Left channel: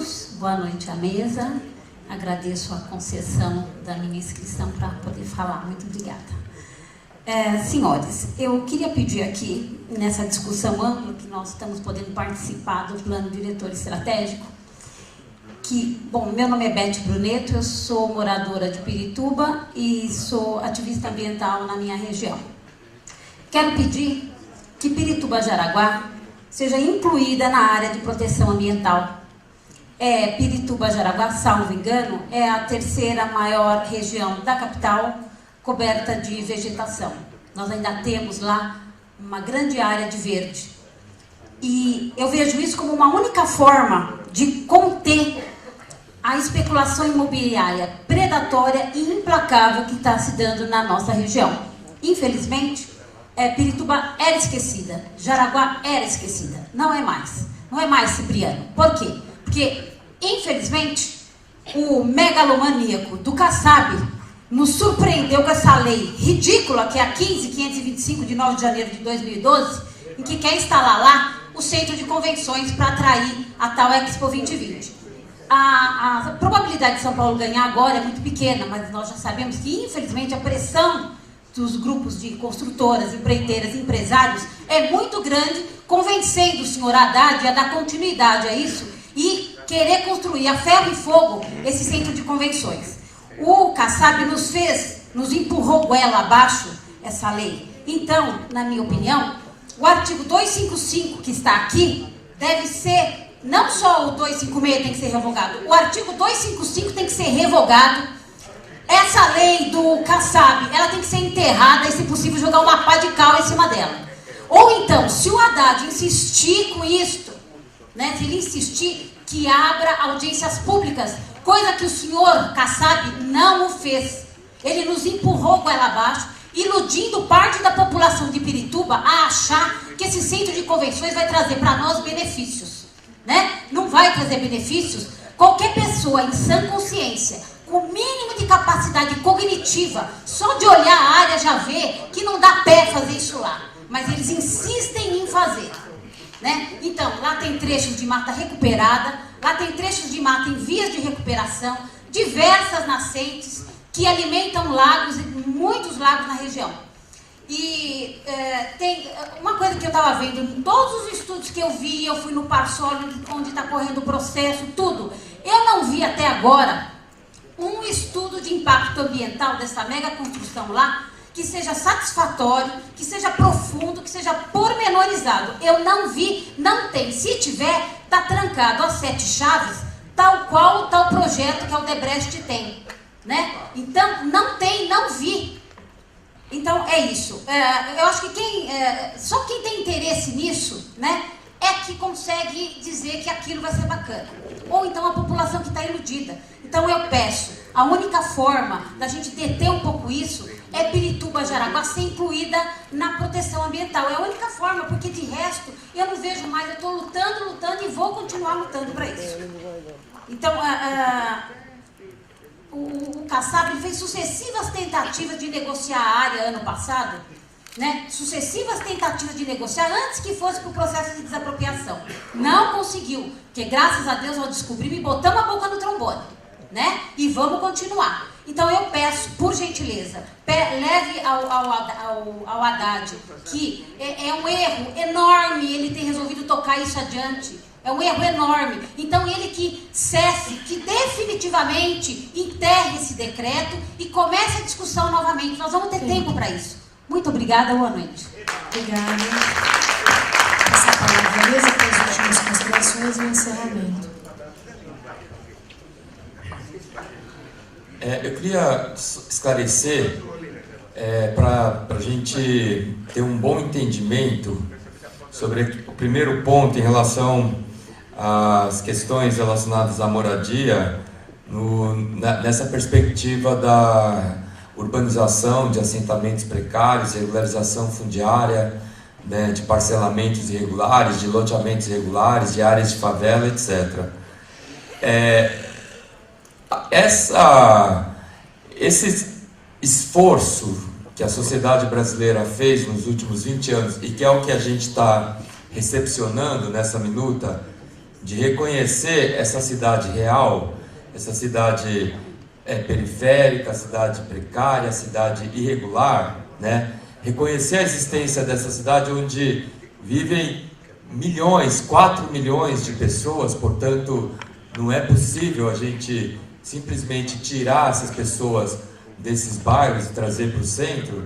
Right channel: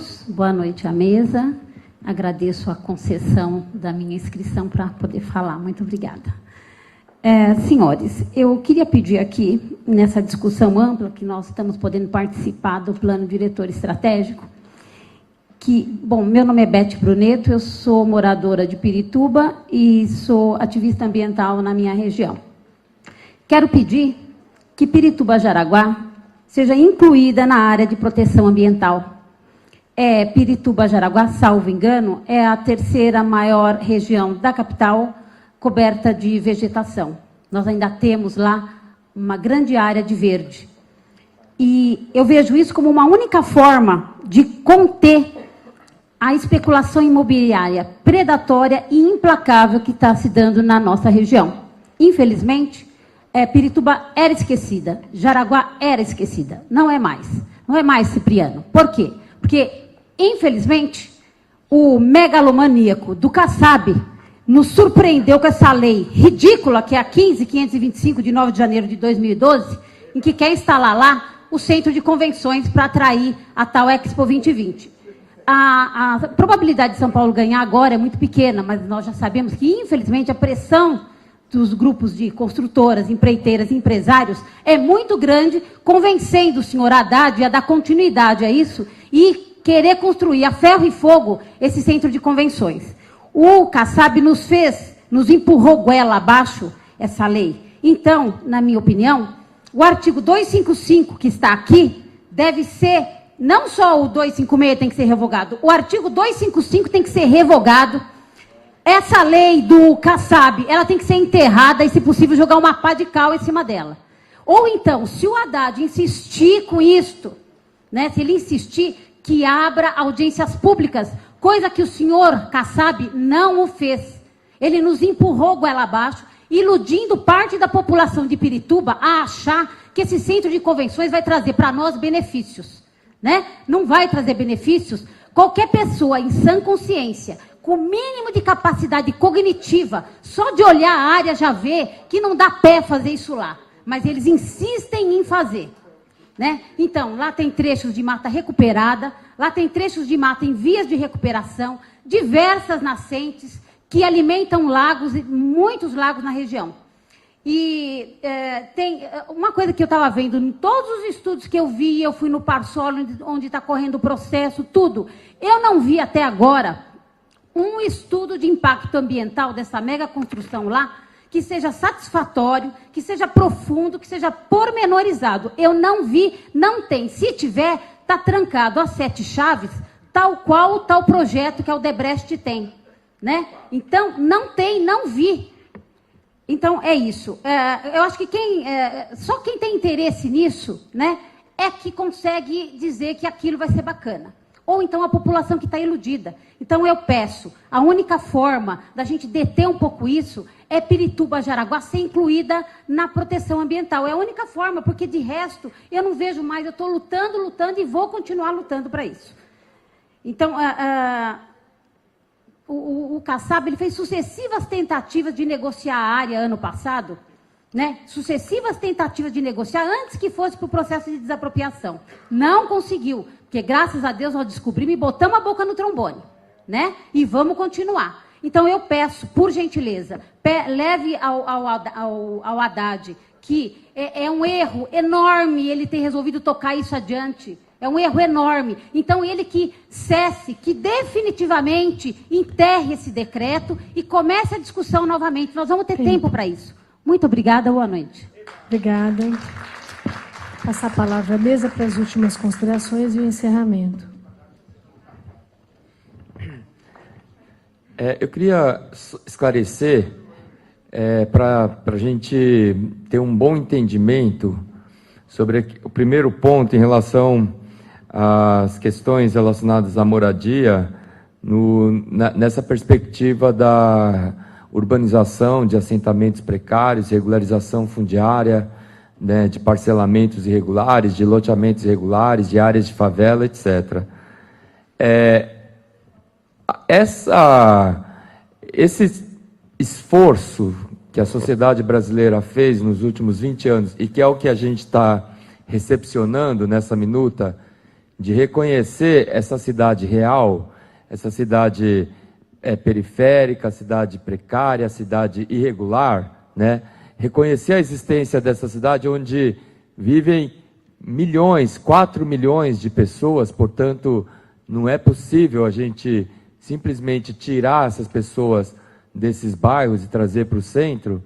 todos, boa noite à mesa. Agradeço a concessão da minha inscrição para poder falar. Muito obrigada. Senhores, eu queria pedir aqui, nessa discussão ampla que nós estamos podendo participar do Plano Diretor Estratégico, que, bom, meu nome é Beth Bruneto, eu sou moradora de Pirituba e sou ativista ambiental na minha região. Quero pedir que Pirituba-Jaraguá seja incluída na área de proteção ambiental. Pirituba-Jaraguá, salvo engano, é a terceira maior região da capital coberta de vegetação. Nós ainda temos lá uma grande área de verde. E eu vejo isso como uma única forma de conter a especulação imobiliária predatória e implacável que está se dando na nossa região. Infelizmente, Pirituba era esquecida, Jaraguá era esquecida. Não é mais, Cipriano. Por quê? Porque, infelizmente, o megalomaníaco do Kassab nos surpreendeu com essa lei ridícula, que é a 15.525, de 9 de janeiro de 2012, em que quer instalar lá o centro de convenções para atrair a tal Expo 2020. A probabilidade de São Paulo ganhar agora é muito pequena, mas nós já sabemos que, infelizmente, a pressão dos grupos de construtoras, empreiteiras, empresários é muito grande, convencendo o senhor Haddad a dar continuidade a isso e querer construir a ferro e fogo esse centro de convenções. O Kassab nos empurrou goela abaixo essa lei. Então, na minha opinião, o artigo 255 que está aqui deve ser, não só o 256 tem que ser revogado, o artigo 255 tem que ser revogado. Essa lei do Kassab, ela tem que ser enterrada e, se possível, jogar uma pá de cal em cima dela. Ou então, se o Haddad insistir com isto, né, se ele insistir, que abra audiências públicas, coisa que o senhor Kassab não o fez. Ele nos empurrou goela abaixo, iludindo parte da população de Pirituba a achar que esse centro de convenções vai trazer para nós benefícios. Né? Não vai trazer benefícios. Qualquer pessoa em sã consciência, com o mínimo de capacidade cognitiva, só de olhar a área já vê que não dá pé fazer isso lá. Mas eles insistem em fazer. Né? Então, lá tem trechos de mata recuperada, lá tem trechos de mata em vias de recuperação, diversas nascentes que alimentam lagos, muitos lagos na região. E tem uma coisa que eu estava vendo em todos os estudos que eu vi, eu fui no Parsolo, onde está correndo o processo, tudo. Eu não vi até agora um estudo de impacto ambiental dessa mega construção lá que seja satisfatório, que seja profundo, que seja pormenorizado. Eu não vi, não tem. Se tiver, está trancado às 7 chaves, tal qual tal projeto que a Odebrecht tem. Né? Então, não tem, não vi. Então, é isso. Eu acho que só quem tem interesse nisso, né, é que consegue dizer que aquilo vai ser bacana. Ou então a população que está iludida. Então eu peço, a única forma da gente deter um pouco isso é Pirituba-Jaraguá ser incluída na proteção ambiental. É a única forma, porque de resto eu não vejo mais, eu estou lutando e vou continuar lutando para isso. Então, o Kassab ele fez sucessivas tentativas de negociar a área ano passado, né? Sucessivas tentativas de negociar antes que fosse para o processo de desapropriação. Não conseguiu, porque graças a Deus nós descobrimos e botamos a boca no trombone, né? E vamos continuar. Então eu peço, por gentileza, leve ao Haddad, que é um erro enorme ele ter resolvido tocar isso adiante. É um erro enorme. Então ele que cesse, que definitivamente enterre esse decreto e comece a discussão novamente. Nós vamos ter tempo para isso. Muito obrigada, boa noite. Obrigada. Passa a palavra à mesa para as últimas considerações e encerramento. Eu queria esclarecer, para a gente ter um bom entendimento sobre o primeiro ponto em relação às questões relacionadas à moradia, nessa perspectiva da urbanização de assentamentos precários, regularização fundiária, né, de parcelamentos irregulares, de loteamentos irregulares, de áreas de favela, etc. Esse esforço que a sociedade brasileira fez nos últimos 20 anos e que é o que a gente está recepcionando nessa minuta, de reconhecer essa cidade real, essa cidade periférica, cidade precária, cidade irregular, né? Reconhecer a existência dessa cidade onde vivem milhões, 4 milhões de pessoas, portanto, não é possível a gente simplesmente tirar essas pessoas desses bairros e trazer para o centro.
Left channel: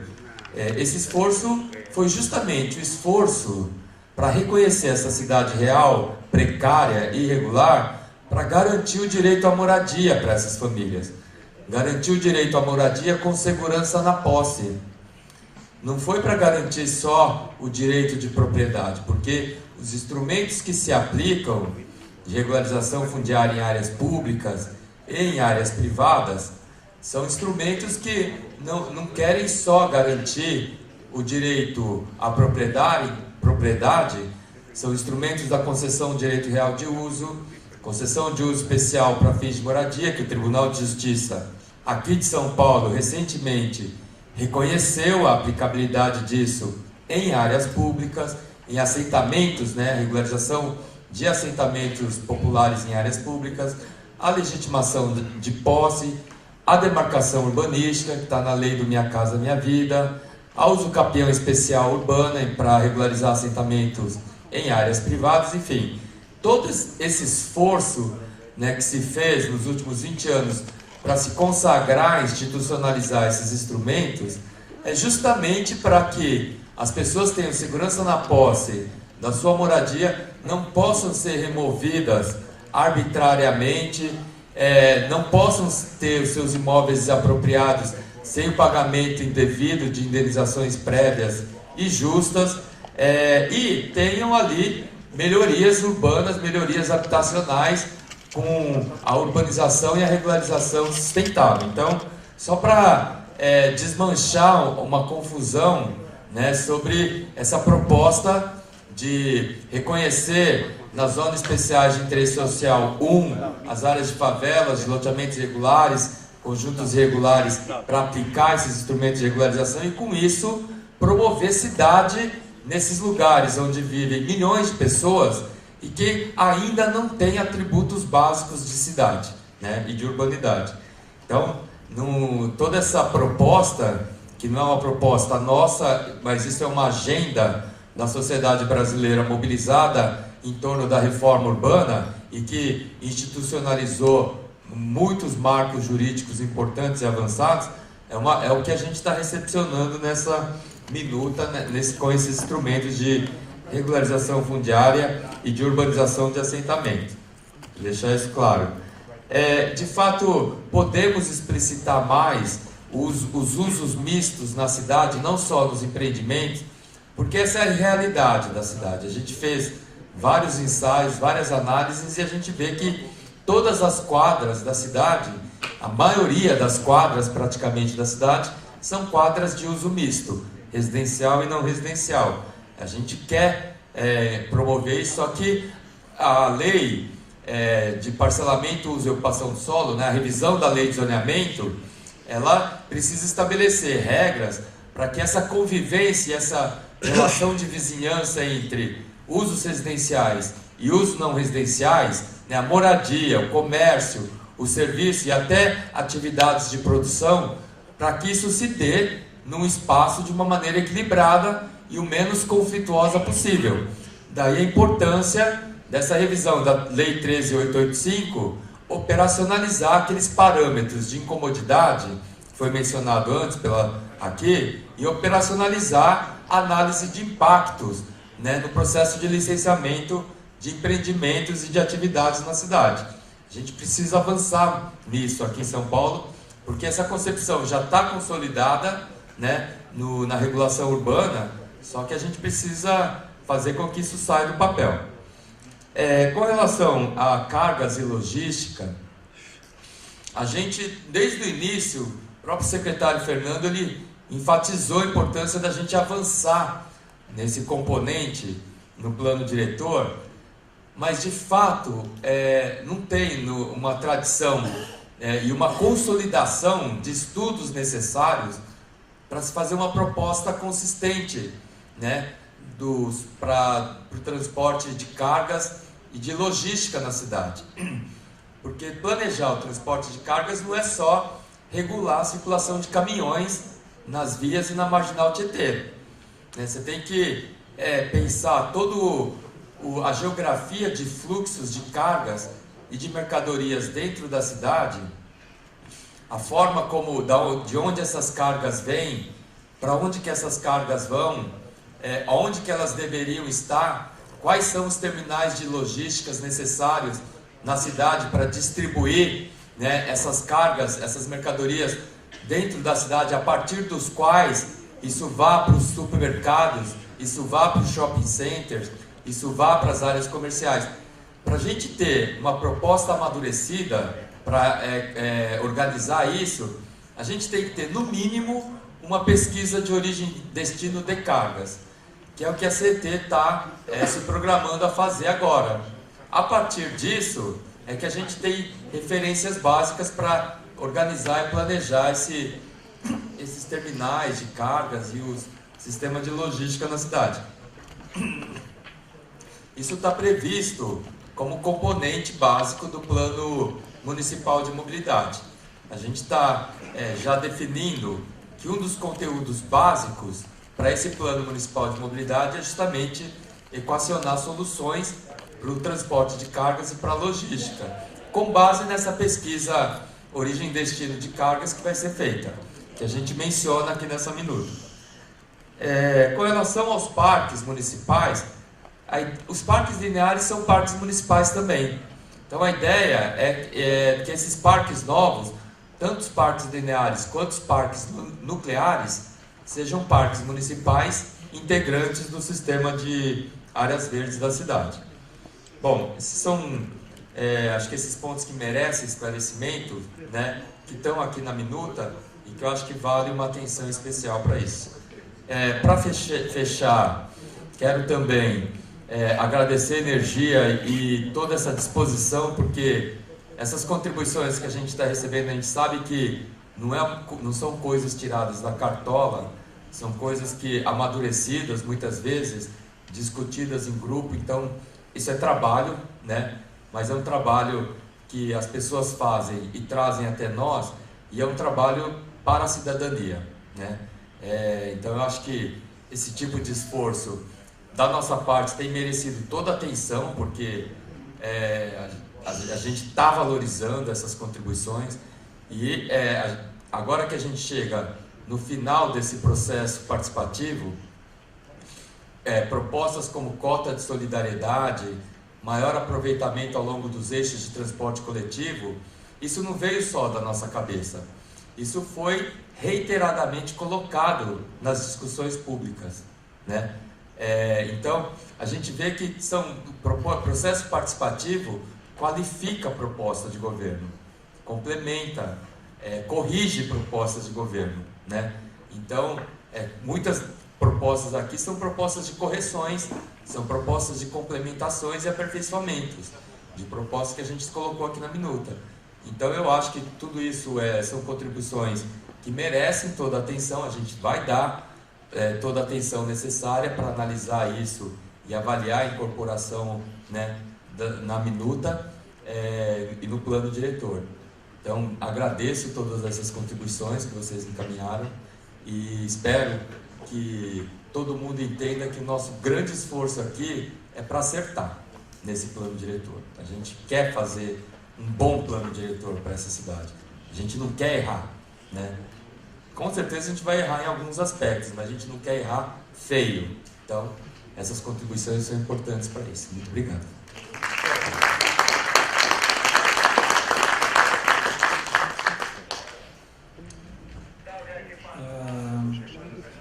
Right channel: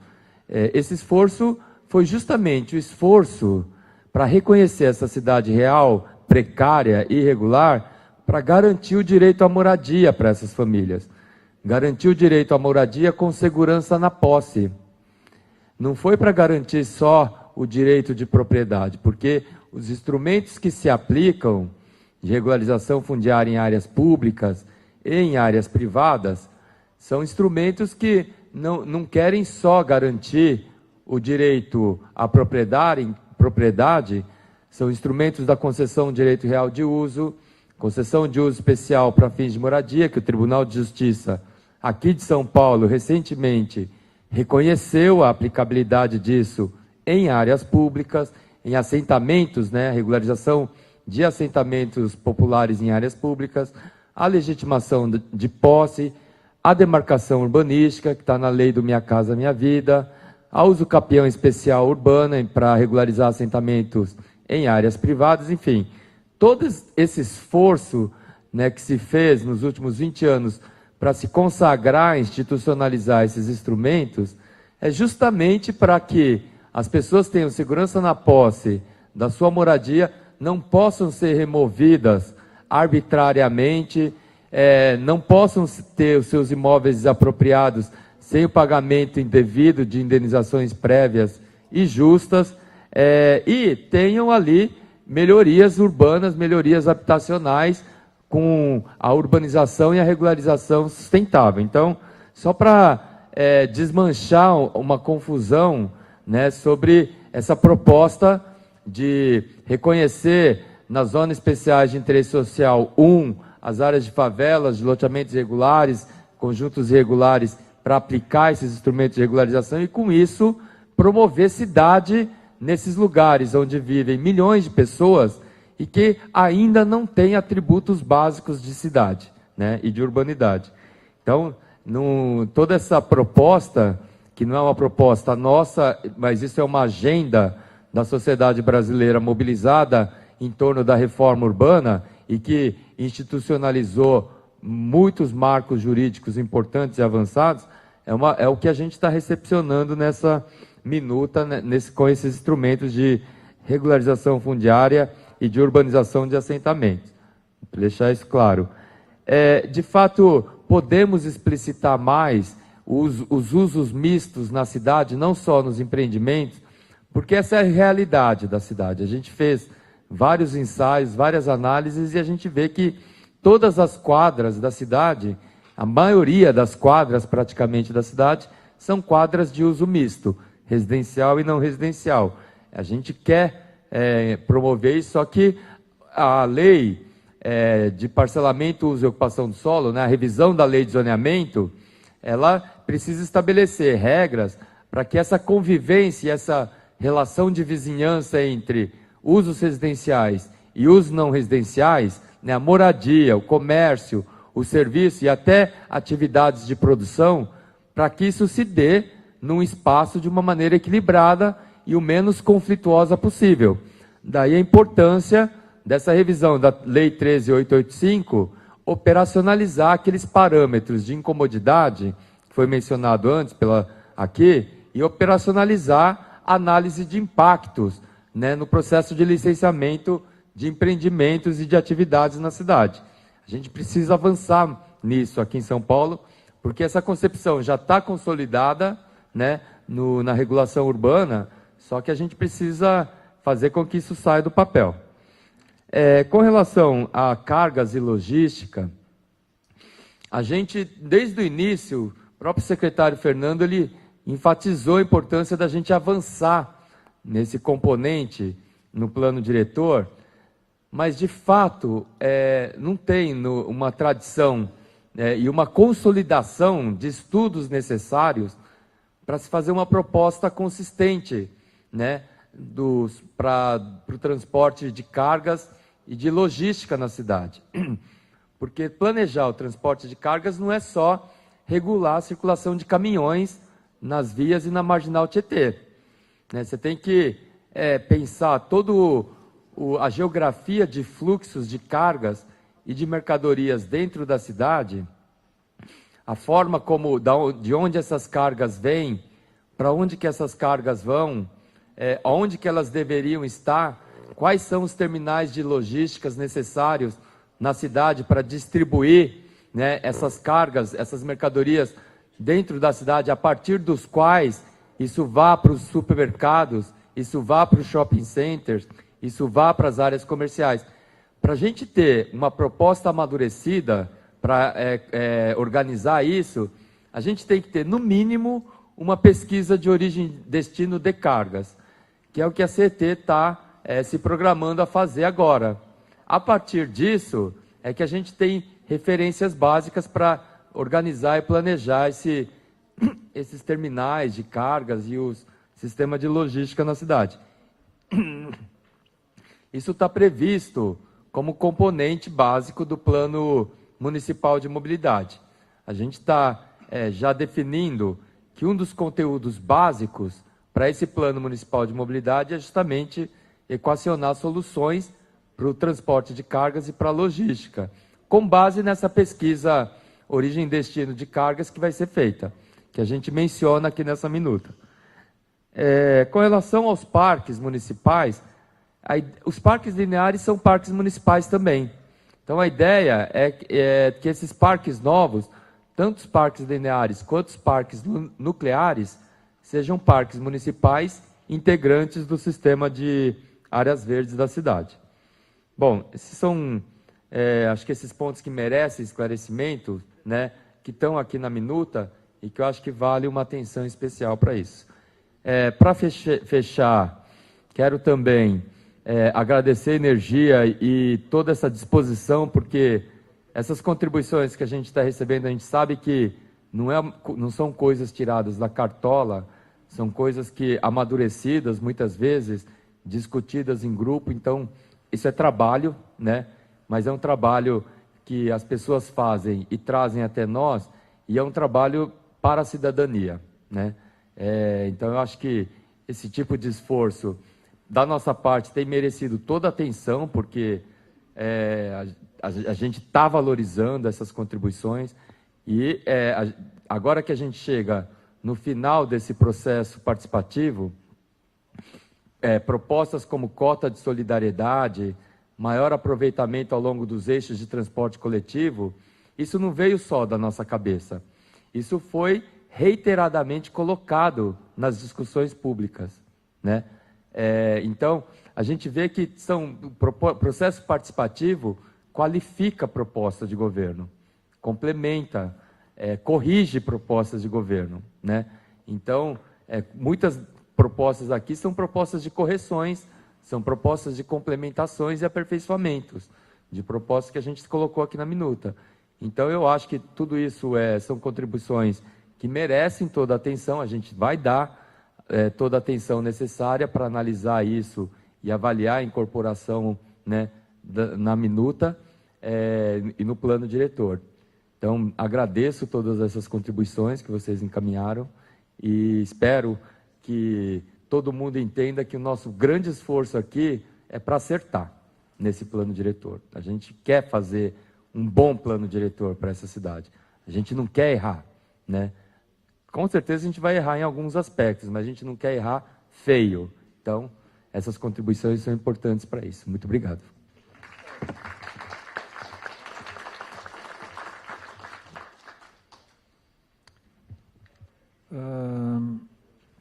Esse esforço foi justamente o esforço para reconhecer essa cidade real, precária, irregular, para garantir o direito à moradia para essas famílias. Garantir o direito à moradia com segurança na posse. Não foi para garantir só o direito de propriedade, porque os instrumentos que se aplicam de regularização fundiária em áreas públicas e em áreas privadas são instrumentos que não querem só garantir o direito à propriedade, são instrumentos da concessão de direito real de uso, concessão de uso especial para fins de moradia, que o Tribunal de Justiça aqui de São Paulo recentemente reconheceu a aplicabilidade disso em áreas públicas, em assentamentos, né, regularização de assentamentos populares em áreas públicas, a legitimação de posse, a demarcação urbanística, que está na lei do Minha Casa Minha Vida, a uso capião especial urbana para regularizar assentamentos em áreas privadas, enfim. Todo esse esforço, né, que se fez nos últimos 20 anos para se consagrar, institucionalizar esses instrumentos, é justamente para que as pessoas tenham segurança na posse da sua moradia, não possam ser removidas arbitrariamente, não possam ter os seus imóveis desapropriados sem o pagamento indevido de indenizações prévias e justas, e tenham ali melhorias urbanas, melhorias habitacionais, com a urbanização e a regularização sustentável. Então, só para desmanchar uma confusão, né, sobre essa proposta de reconhecer nas zonas especiais de interesse social, as áreas de favelas, de loteamentos irregulares, conjuntos irregulares, para aplicar esses instrumentos de regularização e, com isso, promover cidade nesses lugares onde vivem milhões de pessoas e que ainda não têm atributos básicos de cidade, né, e de urbanidade. Então, toda essa proposta, que não é uma proposta nossa, mas isso é uma agenda da sociedade brasileira mobilizada em torno da reforma urbana e que institucionalizou muitos marcos jurídicos importantes e avançados, é o que a gente está recepcionando nessa minuta, né, com esses instrumentos de regularização fundiária e de urbanização de assentamentos. Vou deixar isso claro. De fato, podemos explicitar mais os usos mistos na cidade, não só nos empreendimentos, porque essa é a realidade da cidade. A gente fez vários ensaios, várias análises, e a gente vê que todas as quadras da cidade, a maioria das quadras praticamente da cidade, são quadras de uso misto, residencial e não residencial. A gente quer promover isso, só que a lei de parcelamento, uso e ocupação do solo, né, a revisão da lei de zoneamento, ela precisa estabelecer regras para que essa convivência, essa relação de vizinhança entre usos residenciais e usos não residenciais, né, a moradia, o comércio, o serviço e até atividades de produção, para que isso se dê num espaço de uma maneira equilibrada e o menos conflituosa possível. Daí a importância dessa revisão da Lei 13.885, operacionalizar aqueles parâmetros de incomodidade, que foi mencionado antes aqui, e operacionalizar a análise de impactos, né, no processo de licenciamento de empreendimentos e de atividades na cidade. A gente precisa avançar nisso aqui em São Paulo, porque essa concepção já está consolidada, né, na regulação urbana, só que a gente precisa fazer com que isso saia do papel. Com relação a cargas e logística, a gente, desde o início, o próprio secretário Fernando, ele enfatizou a importância da gente avançar nesse componente no plano diretor, mas, de fato, não tem uma tradição e uma consolidação de estudos necessários para se fazer uma proposta consistente, né, para o transporte de cargas e de logística na cidade. Porque planejar o transporte de cargas não é só regular a circulação de caminhões nas vias e na Marginal Tietê. Né? Você tem que pensar toda a geografia de fluxos de cargas e de mercadorias dentro da cidade, a forma como, de onde essas cargas vêm, para onde que essas cargas vão, onde que elas deveriam estar, quais são os terminais de logísticas necessários na cidade para distribuir, né, essas cargas, essas mercadorias dentro da cidade, a partir dos quais isso vá para os supermercados, isso vá para os shopping centers, isso vá para as áreas comerciais. Para a gente ter uma proposta amadurecida para organizar isso, a gente tem que ter, no mínimo, uma pesquisa de origem e destino de cargas, que é o que a CET está se programando a fazer agora. A partir disso, é que a gente tem referências básicas para organizar e planejar esses terminais de cargas e o sistema de logística na cidade. Isso está previsto como componente básico do Plano Municipal de Mobilidade. A gente está já definindo que um dos conteúdos básicos para esse Plano Municipal de Mobilidade é justamente equacionar soluções para o transporte de cargas e para a logística, com base nessa pesquisa origem e destino de cargas que vai ser feita, que a gente menciona aqui nessa minuta. Com relação aos parques municipais, os parques lineares são parques municipais também. Então a ideia é que esses parques novos, tanto os parques lineares quanto os parques nucleares, sejam parques municipais integrantes do sistema de áreas verdes da cidade. Bom, esses são, acho que esses pontos que merecem esclarecimento, né, que estão aqui na minuta e que eu acho que vale uma atenção especial para isso. Para fechar, quero também agradecer a energia e toda essa disposição, porque essas contribuições que a gente está recebendo, a gente sabe que não são coisas tiradas da cartola, são coisas que amadurecidas, muitas vezes, discutidas em grupo. Então, isso é trabalho, né? Mas é um trabalho que as pessoas fazem e trazem até nós, e é um trabalho para a cidadania, né? Então, eu acho que esse tipo de esforço da nossa parte tem merecido toda a atenção, porque a gente está valorizando essas contribuições e agora que a gente chega no final desse processo participativo, propostas como cota de solidariedade, maior aproveitamento ao longo dos eixos de transporte coletivo, isso não veio só da nossa cabeça. Isso foi reiteradamente colocado nas discussões públicas, né? Então, a gente vê que o processo participativo qualifica a proposta de governo, complementa, corrige propostas de governo, né? Então, muitas propostas aqui são propostas de correções, são propostas de complementações e aperfeiçoamentos, de propostas que a gente colocou aqui na minuta. Então, eu acho que tudo isso são contribuições que merecem toda a atenção. A gente vai dar toda a atenção necessária para analisar isso e avaliar a incorporação, né, na minuta e no plano diretor. Então, agradeço todas essas contribuições que vocês encaminharam e espero que todo mundo entenda que o nosso grande esforço aqui é para acertar nesse plano diretor. A gente quer fazer um bom plano diretor para essa cidade. A gente não quer errar, né? Com certeza a gente vai errar em alguns aspectos, mas a gente não quer errar feio. Então, essas contribuições são importantes para isso. Muito obrigado.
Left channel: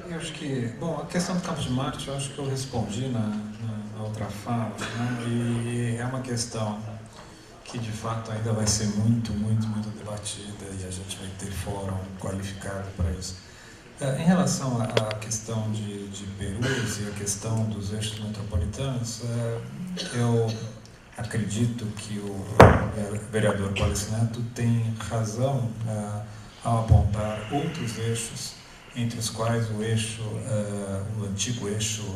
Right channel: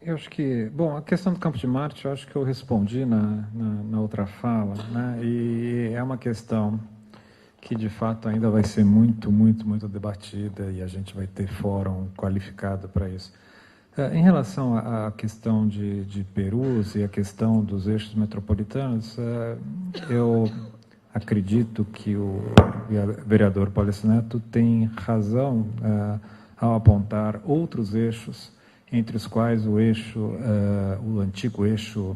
Eu acho que, bom, a questão do campo de Marte, eu acho que eu respondi na outra fala, né? E é uma questão que de fato ainda vai ser muito debatida e a gente vai ter fórum qualificado para isso. Em relação à questão de Perus e a questão dos eixos metropolitanos, eu acredito que o vereador Paulicinato tem razão ao apontar outros eixos, entre os quais o antigo eixo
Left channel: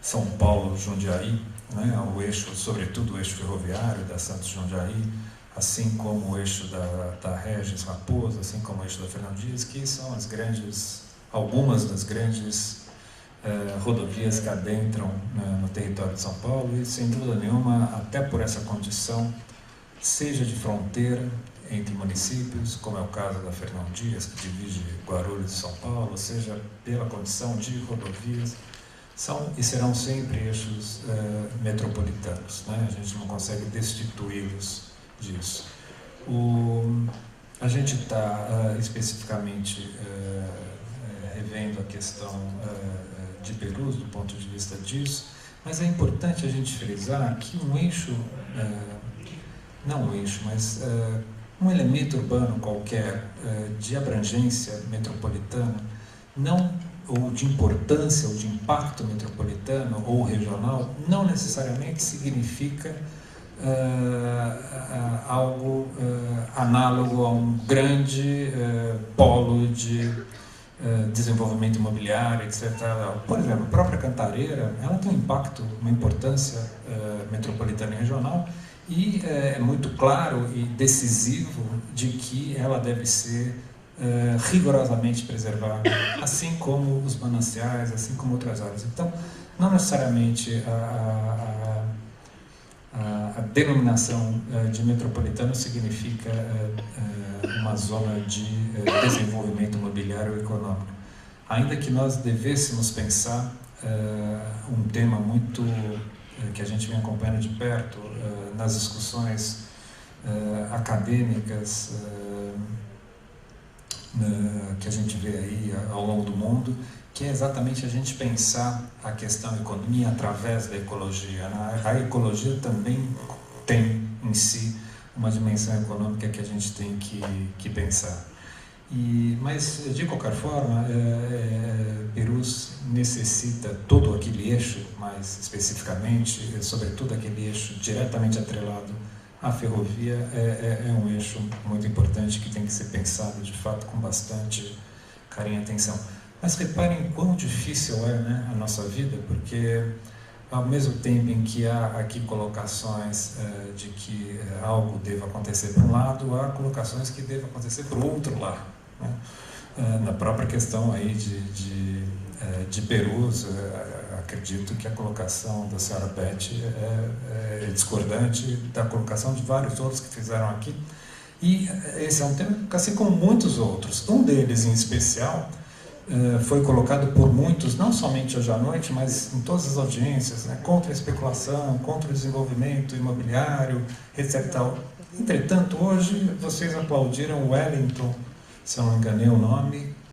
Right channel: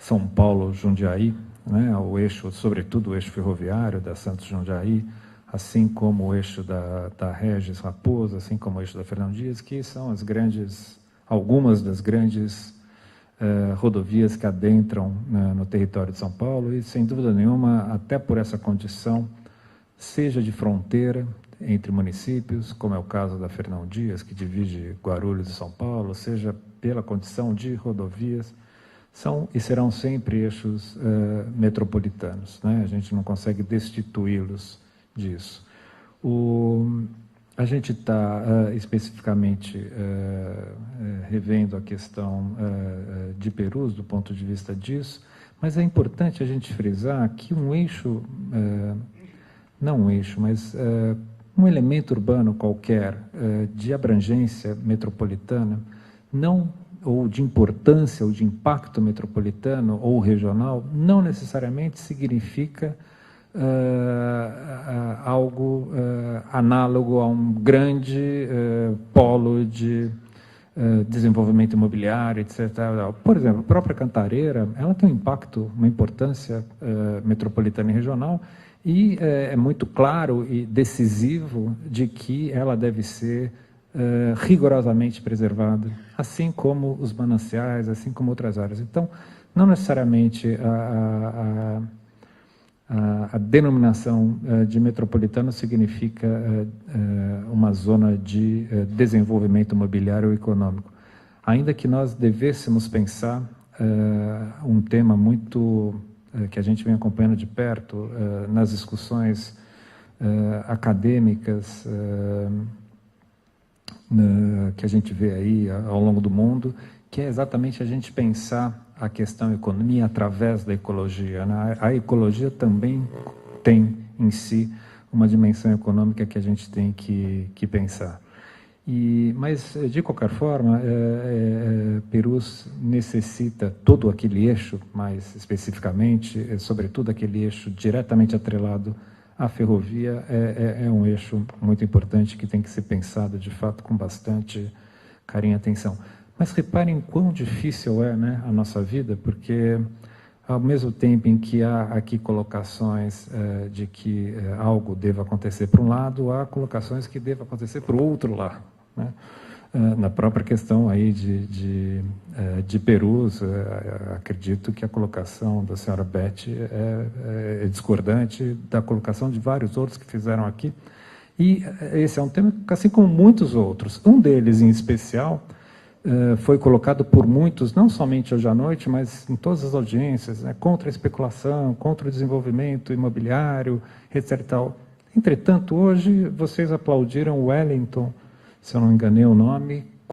São Paulo-Jundiaí, né, o eixo, sobretudo o eixo ferroviário da Santos Jundiaí, assim como o eixo da Regis Raposo, assim como o eixo da Fernão Dias, que são algumas das grandes rodovias que adentram no território de São Paulo e, sem dúvida nenhuma, até por essa condição, seja de fronteira entre municípios, como é o caso da Fernão Dias, que divide Guarulhos e São Paulo, seja pela condição de rodovias, são e serão sempre eixos metropolitanos, né? A gente não consegue destituí-los disso. A gente está especificamente revendo a questão de Perus, do ponto de vista disso, mas é importante a gente frisar que um eixo, não um eixo, mas um elemento urbano qualquer de abrangência metropolitana, ou de importância, ou de impacto metropolitano ou regional, não necessariamente significa algo análogo a um grande polo de desenvolvimento imobiliário, etc. Por exemplo, a própria Cantareira, ela tem um impacto, uma importância metropolitana e regional, e é muito claro e decisivo de que ela deve ser rigorosamente preservada, assim como os mananciais, assim como outras áreas. Então, não necessariamente a denominação de metropolitano significa uma zona de desenvolvimento imobiliário ou econômico. Ainda que nós devêssemos pensar um tema muito que a gente vem acompanhando de perto nas discussões acadêmicas que a gente vê aí ao longo do mundo, que é exatamente a gente pensar a questão da economia através da ecologia, né? A ecologia também tem em si uma dimensão econômica que a gente tem que pensar. Mas, de qualquer forma, Perus necessita todo aquele eixo, mais especificamente, sobretudo aquele eixo diretamente atrelado à ferrovia, é um eixo muito importante que tem que ser pensado, de fato, com bastante carinho e atenção. Mas reparem quão difícil é, né, a nossa vida, porque ao mesmo tempo em que há aqui colocações de que algo deva acontecer para um lado, há colocações que devem acontecer para o outro lado, né? Na própria questão aí de Perus, acredito que a colocação da senhora Beth é discordante da colocação de vários outros que fizeram aqui. E esse é um tema, assim como muitos outros. Um deles, em especial, foi colocado por muitos, não somente hoje à noite, mas em todas as audiências, né, contra a especulação, contra o desenvolvimento imobiliário, etc. Entretanto, hoje, vocês aplaudiram Wellington, se eu não me enganei o nome,